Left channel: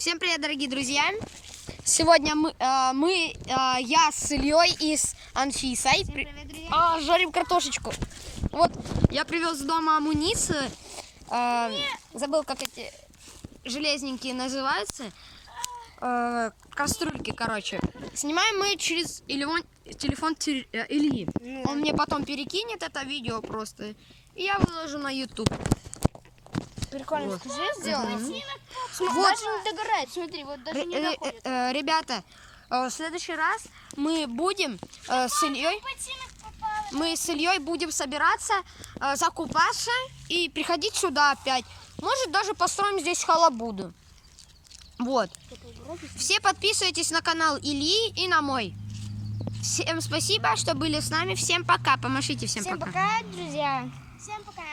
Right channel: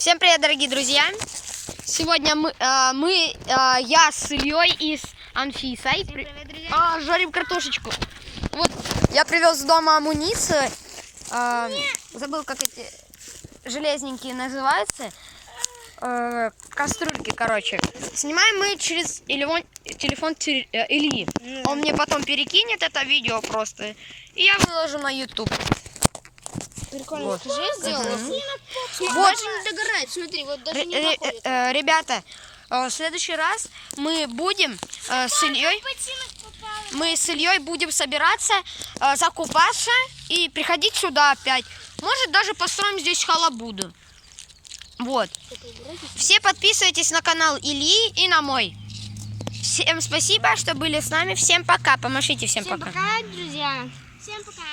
Всем привет, дорогие друзья! Сегодня я с Ильей и с Анфисой жарим картошечку. Вот, я привез с дома амуницию. Забыл, как эти железненькие называются. Кастрюльки, короче. Снимаем мы через телефон Ильи. Он мне потом перекинет это видео просто. И я выложу на YouTube. Прикольно, Вот. скажи, сделай. Вот. Даже не догорает, смотри, вот даже не доходит. Ребята, в следующий раз мы будем с Ильей будем собираться, закупаться и приходить сюда опять. Может, даже построим здесь халабуду. Вот. Все подписывайтесь на канал Ильи и на мой. Всем спасибо, что были с нами. Всем пока. Помашите всем пока. Пока, друзья. Всем пока.